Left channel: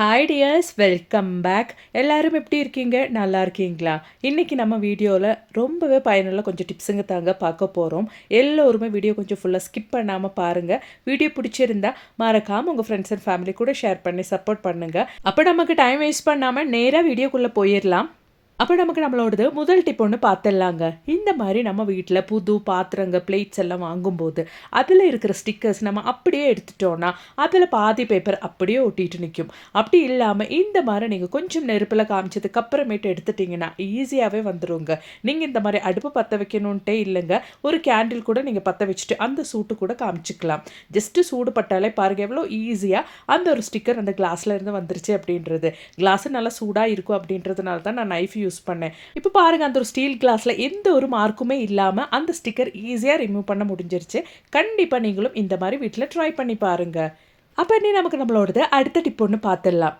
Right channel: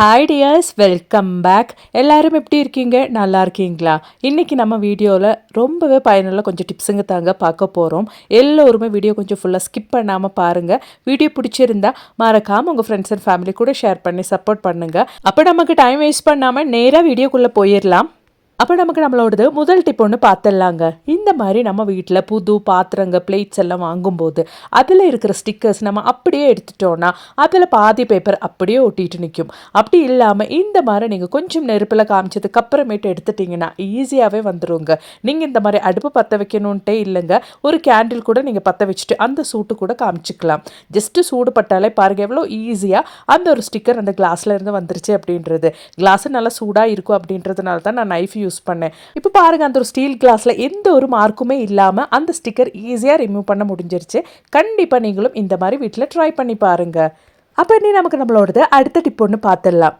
Hi tears, welcome back. எல்லாரும் எப்படி இருக்கீங்க? நல்லா இருக்கீங்களா? இன்றைக்கி நம்ம வீடியோவில் ரொம்பவே பயனுள்ள கொஞ்சம் டிப்ஸுங்க தாங்க பார்க்க போகிறோம். எல்லோருமே வீடியோ கொஞ்சம் ஃபுல்லாக ஸ்கிப் பண்ணாமல் பாருங்கள். வீடியோ பிடிச்சிருந்தா மறக்காமல் உங்கள் ஃப்ரெண்ட்ஸ் அண்ட் ஃபேமிலி கூட ஷேர் பண்ணி சப்போர்ட் பண்ணுங்கள். அப்போ நமக்கு டைம் வேஸ்ட் பண்ணாமல் நேராக வீடியோக்குள்ளே போயிடலாம். அப்போ நமக்கு நம்மளோடது முதல் டிப் ஒன்று பார்த்துடலாங்க. இந்த மாதிரி நம்ம வீட்டில் புது பாத்திரங்க பிளேட்ஸ் எல்லாம் வாங்கும்போது அதில் இருக்கிற ஸ்டிக்கர்ஸ் நம்ம அப்படியே எடுத்துட்டோன்னா அதில் பாதி பேப்பர் அப்படியே ஒட்டிட்டு நிற்கும். அப்படி இல்லாமல் இந்த மாதிரி நீங்கள் கொஞ்சம் நெருப்பில் காமிச்சதுக்கு அப்புறமேட்டு எடுத்துட்டிங்கன்னா ஈஸியாகவே வந்துடுங்க. நீங்கள் இந்த மாதிரி அடுப்பு பற்ற வைக்கணுன்ட்டே இல்லைங்க, ஒரு கேண்டில் கூட நீங்கள் பற்ற வச்சுட்டு அந்த சூட்டு கூட காமிச்சிக்கலாம். ஜஸ்ட்டு சூடு பட்டாலே பாருங்கள் எவ்வளோ ஈஸியாக அந்த ஒரு ஸ்டிக்கர் அந்த கிளாஸில் இருந்து வந்துருச்சு அப்படின்றது. கிளாஸு நல்லா சூடாக இருக்கும் அப்படின்றதுனால தான் நான் நைஃப் யூஸ் பண்ணேன். இப்போ பாருங்க, அந்த ஒரு ஸ்டீல் கிளாஸ்ல எந்த ஒரு மார்க்குமே இல்லாம அந்த ஸ்டிக்கர் ஈஸியா ரிமூவ் பண்ண முடிஞ்சிருச்சு. கண்டிப்பா நீங்களும் இந்த மாதிரி வீட்டில் ட்ரை பண்ணி பாருங்க. அப்போ நீ நமக்கு நம்மளோடது அடுத்த டிப் ஒன்று பார்த்துடலாம்.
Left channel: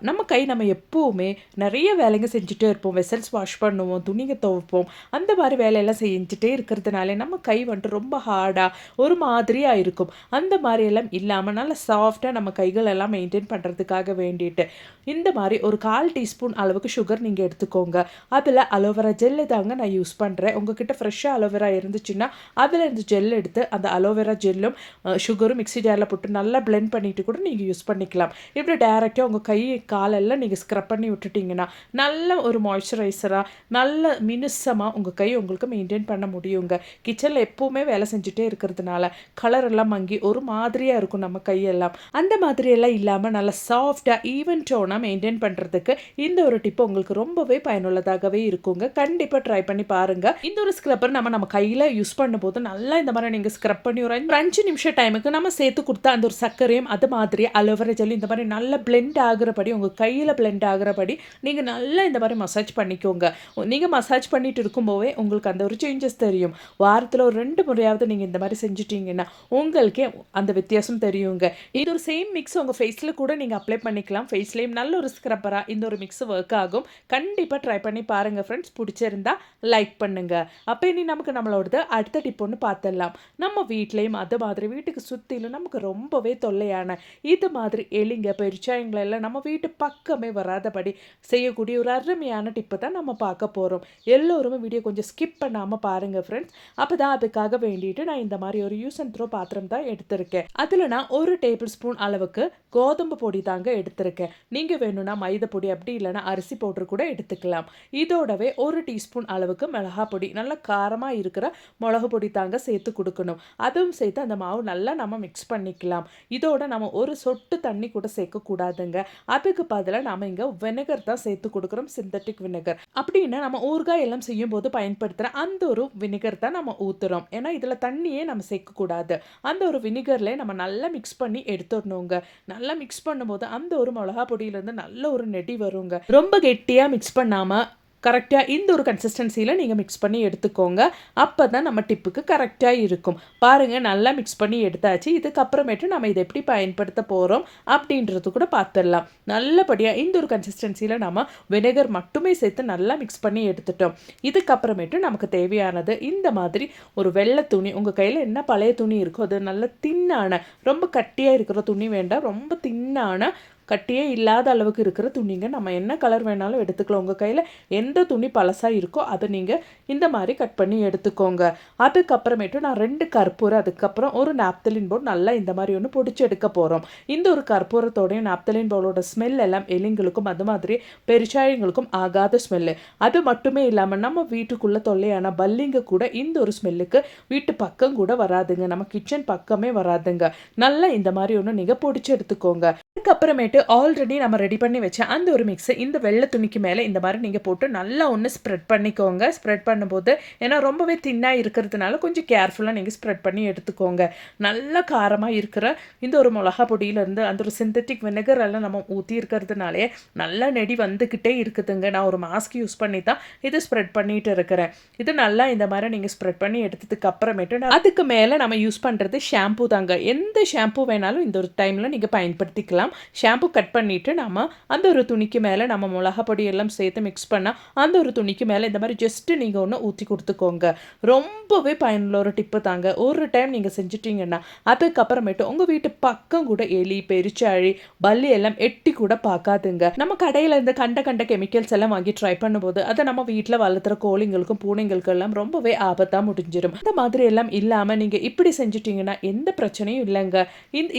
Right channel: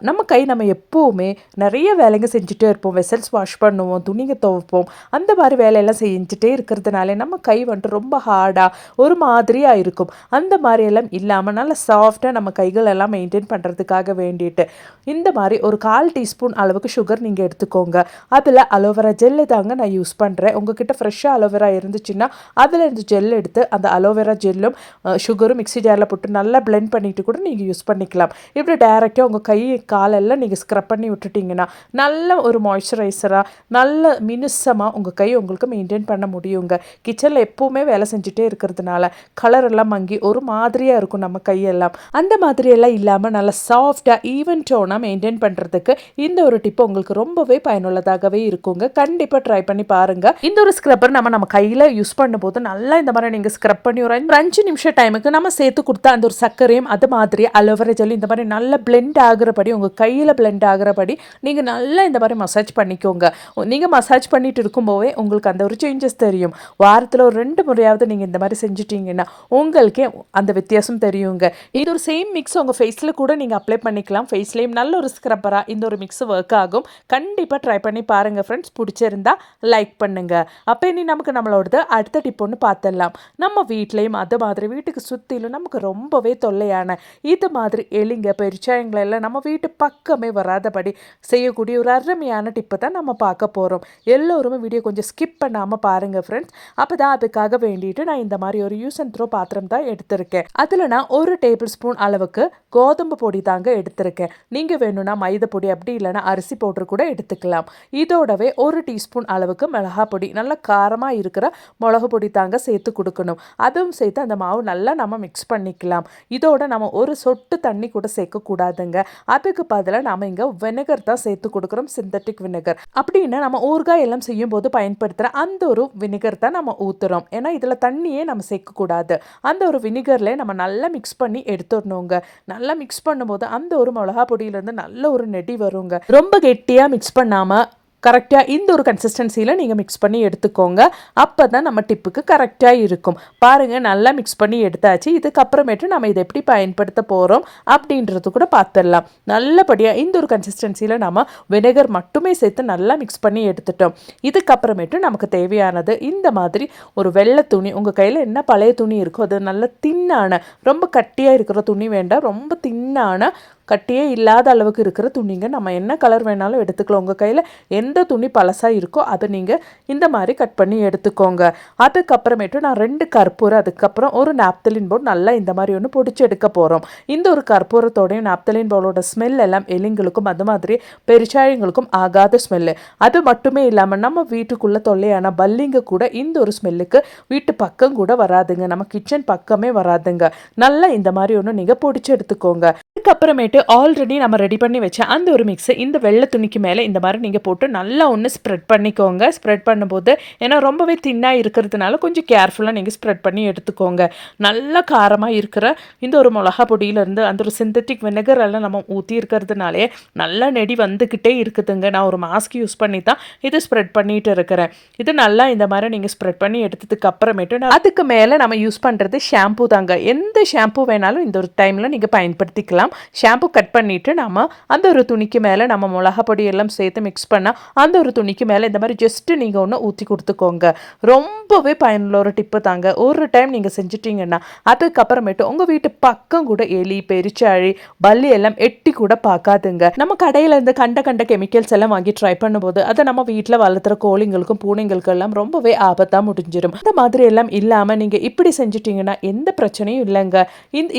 நம்ம எப்போவுமே நிறைய வேலைங்க செஞ்சுட்டே இருப்போம். வெசல்ஸ் வாஷ் பண்ணுவோம், துணிங்க துவைப்போம், அந்த மாதிரி வேலையெல்லாம் செஞ்சுட்டே இருக்கிறதுனால நம்ம கை வந்துட்டு ரொம்ப ஹார்டாக ஒரு மாதிரியாக இருக்கும். அந்த மாதிரியெல்லாம் இல்லாமல் நல்லா சாஃப்டாக நம்ம கைகளெல்லாம் மெயின்டைன் பண்ணுறதுக்காக வேண்டிட்டு இந்த மாதிரி ஒரு 1/4 டீஸ்பூன் அளவுக்கு சுகர் நீங்கள் எடுத்துக்கோங்க. அதில் அலோவேரா ஜெல்லு தாங்க நான் யூஸ் பண்ணுறேன். உங்ககிட்ட ஃப்ரெஷ்ஷாக அலோவேரா இருந்துச்சுன்னா அதில் இருந்து ஜெல் எடுத்து அந்த அலோவேரா ஜெல்லும் சுகரும் மிக்ஸி ஜாரில் போட்டு நல்லா பிளெண்ட் பண்ணிவிட்டு கூட நீங்கள் யூஸ் பண்ணிக்கலாம். இப்படி டைரெக்டாக உங்கள் கை காலெல்லாம் நீங்கள் ஸ்க்ரப் பண்ணி விட்டுட்டிங்கன்னா நல்ல ஒரு மாய்ஸ்சரைசராக நல்ல மினுசமாக உங்கள் கை உங்களுக்கு மெயின்டைன் பண்ண முடியுங்க. கிச்சனில் எப்போவுமே வேலை செஞ்சுட்டே இருக்கிறதுனால கலர் எல்லாம் மங்கி ஒரு மாதிரியாக இருக்கும் நம்ம கையெல்லாம். அந்த மாதிரியெல்லாம் இல்லாமல் நல்லா சாஃப்டாக ஈவன் டோனாக மெயின்டைன் பண்ணுறதுக்கு இந்த ஒரு டிப் உங்களுக்கு ரொம்பவே பயனுள்ளதாகவே இருக்குங்க. கண்டிப்பாக ட்ரை பண்ணி பாருங்கள். இந்த ஒரு ஸ்க்ரப்பர் நம்ம கையில் யூஸ் பண்ணும்போது நல்லா இந்த மாதிரி நீங்கள் ஸ்க்ரப் பண்ணி ஒரு 5 நிமிஷம் டைமுக்கு நம்ம சேர்த்து கொடுத்தா அந்த ஒரு சர்க்கரையும் அது மாதிரி அலோவேரா ஜெல் இந்த மாதிரி நல்லா பிளெண்ட் ஆகிறபடி உங்கள் கையில் பிளெண்ட் ஆகிறபடி நீங்கள் நல்லா இந்த மாதிரி மசாஜ் பண்ணிக்கோங்க. நீங்கள் மசாஜ் பண்ணிட்டு இருக்கும்போதே உங்களுக்கு அந்த ஒரு சேஞ்சஸ் தெரியும். வாரத்தில் ஒரு 2 முறையாவது நீங்கள் இந்த மாதிரி செஞ்சுட்டீங்கன்னா உங்களுக்கே அந்த வித்தியாசம் தெரியுங்க. இது ஒரு சேம் மிக்ஸ் உங்கள் ஃபேஸில் கூட நீங்கள் அப்ளை பண்ணிக்கலாம். ஃபேஸ்லேயும் நல்ல ஒரு ஸ்க்ரப்பராக இந்த ஒரு மிக்ஸ் ஒர்க் ஆகும். கண்டிப்பாக ட்ரை பண்ணி பாருங்கள் ஃப்ரெண்ட்ஸ். பிடிச்சிருந்தா லைக் பண்ணுங்கள். அப்போ இனி நமக்கு நம்மளோடது அடுத்த டிப் ஒன்று பார்த்துடலாம். நம்ம வீட்லேயும் அது மாதிரி வீட்டுக்கு சுற்றிலும் நமக்கு ரொம்பவே தொல்லையான இது மாதிரி எலிங்க பெருச்சாயங்களெல்லாம் நம்ம வீட்டு பக்கமே வராதபடி செய்யக்கூடிய ஒரு அருமையான டிப்பு தான் நம்ம பார்க்க போகிறோம். எல்லோருமே வீடியோ கொஞ்சம் ஸ்கிப் பண்ணாமல் பாருங்கள் ஃப்ரெண்ட்ஸ். அப்போ தான் அதுக்காக வேண்டிட்டு நான் இந்த மாதிரி ஒரு யூஸ் அண்ட் த்ரோ பாத்திரம் தான் எடுத்திருக்கேன். அதில் நான் 1 டேபிள் ஸ்பூன் அளவுக்கு கோதுமை பொடி தாங்க எடுத்திருக்கேன். நீங்கள் வேணும்னா மைதா பொடி அப்படி இல்லைன்னா அரிசி பவுடர் கூட எடுத்துக்கலாம். இதோடவே 1 டீஸ்பூன் அளவுக்கு மிளகா பொடி, நல்லா காரமாக இருக்கிற மிளகு பொடி தாங்க சேர்த்து கொடுக்கணும். அதுவும் சேர்த்து அந்த மாவு நல்லா நம்ம மிக்ஸ் பண்ணிக்கலாம். இதோட நம்ம ஒரு சொட்டு தண்ணி கூட சேர்க்கக்கூடாதுங்க. அதுக்கு பதிலாக நம்ம இங்கே வினகர் தான் சேர்த்து கொடுக்குறோம், சிந்தட்டிக் வினகர். அப்படின்னா நம்ம ஊறுகாய் எல்லாம் செய்யும் போது பயன்படுத்துகிற அந்த ஒரு வினிகர் தான் நம்ம ஊற்றுறோம். ஏன்னா இதில் தண்ணியே நம்ம சேர்க்கக்கூடாது. அந்த ஒரு வினிகரில் நம்ம நல்லா மிக்ஸ் பண்ணி எடுத்துடணுங்க. நல்லா மிக்ஸ் பண்ணும்போது அந்த ஒரு மிளகா பொடியிலேருந்து நல்ல ஒரு நெடி வருங்க. ரொம்ப கெட்டியாக மிக்ஸ் பண்ணாமல் கரெக்டாக இந்த ஒரு கன்சிஸ்டன்சியில் நீங்கள் மிக்ஸ் பண்ணி எடுத்துக்கோங்க. அப்போ தான் நம்ம டிப்புக்கு கரெக்டாக இருக்கும். பாருங்கள், நல்லா மிக்ஸ் பண்ணி எடுத்தாச்சு. இதுக்கப்புறமேட்டு நம்ம இதை எப்படி பயன்படுத்த போகிறோம் அப்படின்றது கூட பார்த்துடலாம். நல்லபடியாக இந்த ஒரு கன்சிஸ்டன்சியில் நம்ம வினேகர் மட்டுமே சேர்த்து நல்லா மிக்ஸ் பண்ணி எடுத்துட்டோம். இதுக்கப்புறமேட்டு நமக்கு தேவையானது இந்த மாதிரி ஒரு வெள்ளை துணி, உங்கள் கையில் என்ன பழைய துணி இருக்கோ அது நல்ல தின்னான, ரொம்ப கட்டியாக இருக்கிற துணி வேண்டாம், ரொம்ப தின்னான கட்டியே இல்லாத அளவுக்கு இருக்கிற துணிங்க. நம்ம என்ன கலர் வேணாலும் எடுத்துக்கலாம். உங்கள் கையில் எந்த துணி பழசாக இருக்கோ அதை நீங்கள் இந்த மாதிரி கட் பண்ணி எடுத்துக்கோங்க. அதுக்கப்புறமேட்டு நான் 2 கற்பூரம், அதுக்கப்புறம் ஒரு நாப்தலின் பவுல் நல்லா இந்த மாதிரி ஒன்று பொடிச்சு எடுக்க போகிறோம். இந்த ஒரு கற்பூரத்தோடையும் நாப்தலின் பவுலோட ஸ்மெல் எல்லாம் எலிங்களுக்கும் அது மாதிரி பெருச்சாயங்களுக்கும் ஆகாத ஸ்மெல்லு. அது மட்டுமே இல்லாமல் நம்ம வீட்டுக்குள்ளே தொல்லையான பல்லிங்க கூட இந்த ஒரு ஸ்மெல்லுக்கு வீட்டு பக்கம் கூட வராதுங்க, நம்ம கிச்சன் பக்கமே வராதுங்க. நல்லா இந்த மாதிரி ஒன்று நீங்கள் பொடிச்சு எடுத்துக்கோங்க. அதுக்கப்புறமேட்டு ஆல்ரெடி நம்ம ரெடி பண்ணி வச்ச அந்த ஒரு மிக்ஸை இந்த வெள்ளை துணிக்கு மேலே இந்த மாதிரி நீங்கள் போட்டு நல்லா ஒன்று ஸ்ப்ரெட் பண்ணிக்கோங்க. ஸ்ப்ரெட் பண்ணும்போது ஏன்னா ரொம்பவே தின்னாக இருக்கிறதுனால கொஞ்சம் கேர்ஃபுல்லாக நீங்கள் ஸ்ப்ரெட் பண்ணி எடுத்துக்கோங்க. நல்லா காரமாக இருக்கிற இந்த ஒரு மிளகா பொடியிலேருந்து அந்த ஒரு சிந்தட்டிக் வினகர் எல்லாம் நம்ம ஊற்றி இருக்கிறதுனாலே நல்லா நெடி வந்துக்கிட்டே இருக்குதுங்க. நான் ஒரு மாஸ்க் யூஸ் பண்ணி தான் இது ஸ்ப்ரெட் பண்ணிட்டு இருக்கிறேன். இது நல்லா இந்த மாதிரி நீங்கள் ஸ்ப்ரெட் பண்ணி எடுத்ததுக்கு அப்புறமேட்டு அதுக்கு மேலே நம்ம யூஸ் பண்ணுறது ஷாம்பூ தாங்க. எந்த ஷாம்பூ வேணாலும் இந்த ஒரு டைமில் நீங்கள் பயன்படுத்திக்கலாம். எல்லாம் ஷாம்பு கட் பண்ணிவிட்டு நம்ம அந்த ஒரு துணிக்கு மேலே நம்ம மிளகா பொடி எல்லாம் சேர்த்து மிக்ஸ் பண்ணால் அந்த ஒரு துணிக்கு மேலே இந்த மாதிரி ஜஸ்ட்டு நீங்கள் ஒன்று ஊற்றி கொடுத்துக்கோங்க. ரொம்பவே பயனுள்ள ஒரு டிப்பு தாங்க. ஒரு டைம் நீங்கள் செஞ்சிட்டிங்கன்னா அதுக்கப்புறமேட்டு உங்கள் வீட்டு பக்கம் கூட எலி பெருச்சாழி பல்லி எல்லாம் எட்டி கூட பார்க்காதுங்க. நம்ம கடையில் இருந்து கண்ட கெமிக்கல்ஸ் எல்லாம் வாங்கி ட்ரை பண்ணும்போது அதை நம்ம வீட்டில் வளர்த்துற கோழிங்களுக்கும் பூனைங்களுக்கும் எல்லாம் ரொம்பவே ஆபத்தாக முடிஞ்சிடும். இந்த மாதிரி எல்லாம் இல்லாமல் நீங்கள் இப்படி செஞ்சிட்டிங்கன்னா எந்த பிரச்சனையும் இல்லைங்க.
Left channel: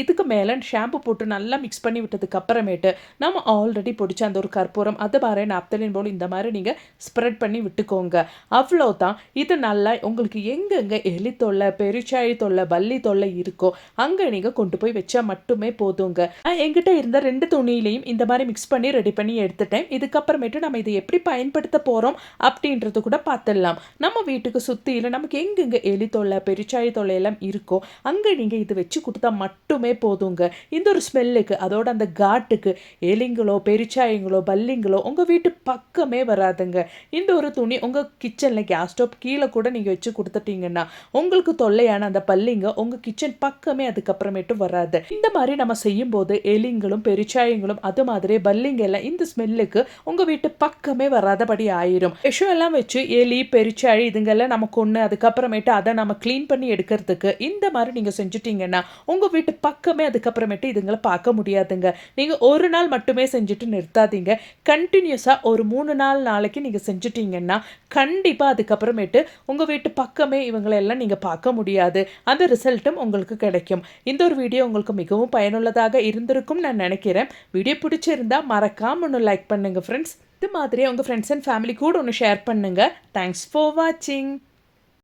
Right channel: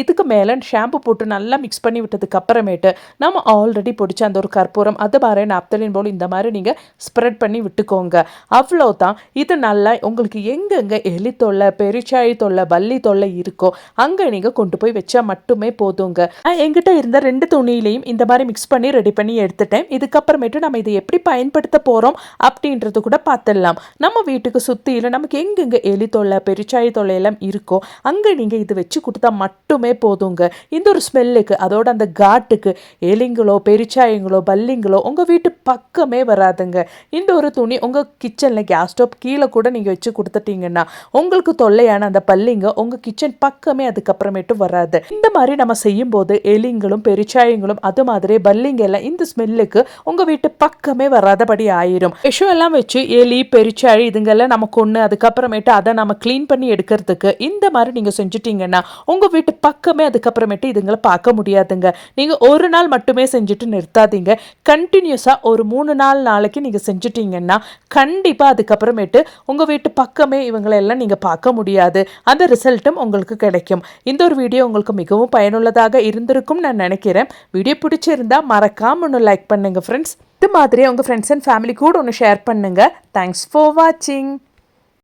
இதுக்கு மேலே ஷாம்பு போட்டு நல்லா மிக்ஸ் பண்ணி விட்டதுக்கு அப்புறமேட்டு நம்ம ஆல்ரெடி பிடிச்ச அந்த ஒரு கற்பூரம் அது மாதிரி நாப்தலின் போல் இந்த மாதிரி நீங்கள் ஸ்ப்ரெட் பண்ணி விட்டுக்கோங்க. அவ்வளோதான். இது நல்லா உங்களுக்கு எங்கெங்கே எலி தொல்லை பெருச்சாழி தொல்லை பல்லி தொல்லை இருக்கோ அங்கே நீங்கள் கொண்டு போய் வச்சா மட்டுமே போதுங்க. என்கிட்ட இருந்த 2 துணியிலையும் இந்த மாதிரி மிக்ஸ் பண்ணி ரெடி பண்ணி எடுத்துட்டேன். இதுக்கப்புறமேட்டு நம்ம இதை எப்படி பயன்படுத்த போகிறோம் அப்படின்றது கூட பார்த்துடலாம். நம்ம வீட்டுக்கு சுற்றியில் நமக்கு எங்கெங்கே எலி தொல்லை பெருச்சாழி தொல்லை எல்லாம் இருக்கோ அங்கே நீங்கள் இது வச்சு கொடுத்தா மட்டுமே போதுங்க. இந்த ஒரு ஸ்மெல்லுக்கு அதோட அந்த காட்டுக்கு எலிங்களோ பெருச்சாயங்களோ பல்லிங்களோ உங்கள் வீட்டு பக்கமே வராதுங்க. இந்த ஒரு துணி உங்கள் கிச்சனில் கேஸ் ஸ்டவ் கீழே கூட நீங்கள் வச்சு கொடுத்துட்டீங்கன்னா உங்களுக்கு தொல்லையான அந்த பல்லிங்க உங்கள் கிச்சன் பக்கமே அதுக்கப்புறமேட்டு வராது. இந்த மாதிரி நம்ம செய்யும்போது எலிங்களும் பெருச்சாயங்களும் அது மாதிரி பல்லிங்க எல்லாம் இந்த ஸ்மெல்லுக்கு உங்கள் வீட்டு பக்கமே வராதபடி ஆயிரும். விஷம் எல்லாம் வச்சு எலி பெருச்சாழி இதுங்கெல்லாம் நம்ம கொன்று அதுக்கப்புறமேட்டு அதை நம்ம க்ளீன் பண்ணி எடுக்கிறதுக்கு இந்த மாதிரி நீங்கள் செஞ்சுட்டீங்கன்னா உங்கள் வீட்டு பக்கமே அதுக்கப்புறமேட்டு இதுங்களை பார்க்க முடியாதுங்க. நீங்கள் ஒரு நாள் மட்டுமே செஞ்சுட்டு நிறுத்தாதீங்க. கண்டினியூஸாக ஒரு 3-4 நாளைக்கு நீங்கள் செஞ்சுட்டீங்கன்னா கண்டிப்பாக அதுக்கப்புறமேட்டு உங்கள் வீட்டு பக்கமே இவங்களெல்லாம் நீங்கள் பார்க்க முடியாது. அந்த ரிசல்ட்டும் உங்களுக்கு கிடைக்கும். இந்த ஒரு வீடியோ உங்களுக்கு மிகவும் பயனுள்ளதாக இருந்திருக்கும் நான் நினைக்கிறேன். வீடியோ பிடிச்சிருந்தா மறக்காம ஒன்று லைக் பண்ணுங்கள் ஃப்ரெண்ட்ஸ். இது மாதிரி உங்கள் ஃப்ரெண்ட்ஸ் அண்ட் ஃபேமிலி கூட ஒன்று ஷேர் பண்ணுங்கள். தேங்க்ஸ் ஃபார் வாட்சிங்.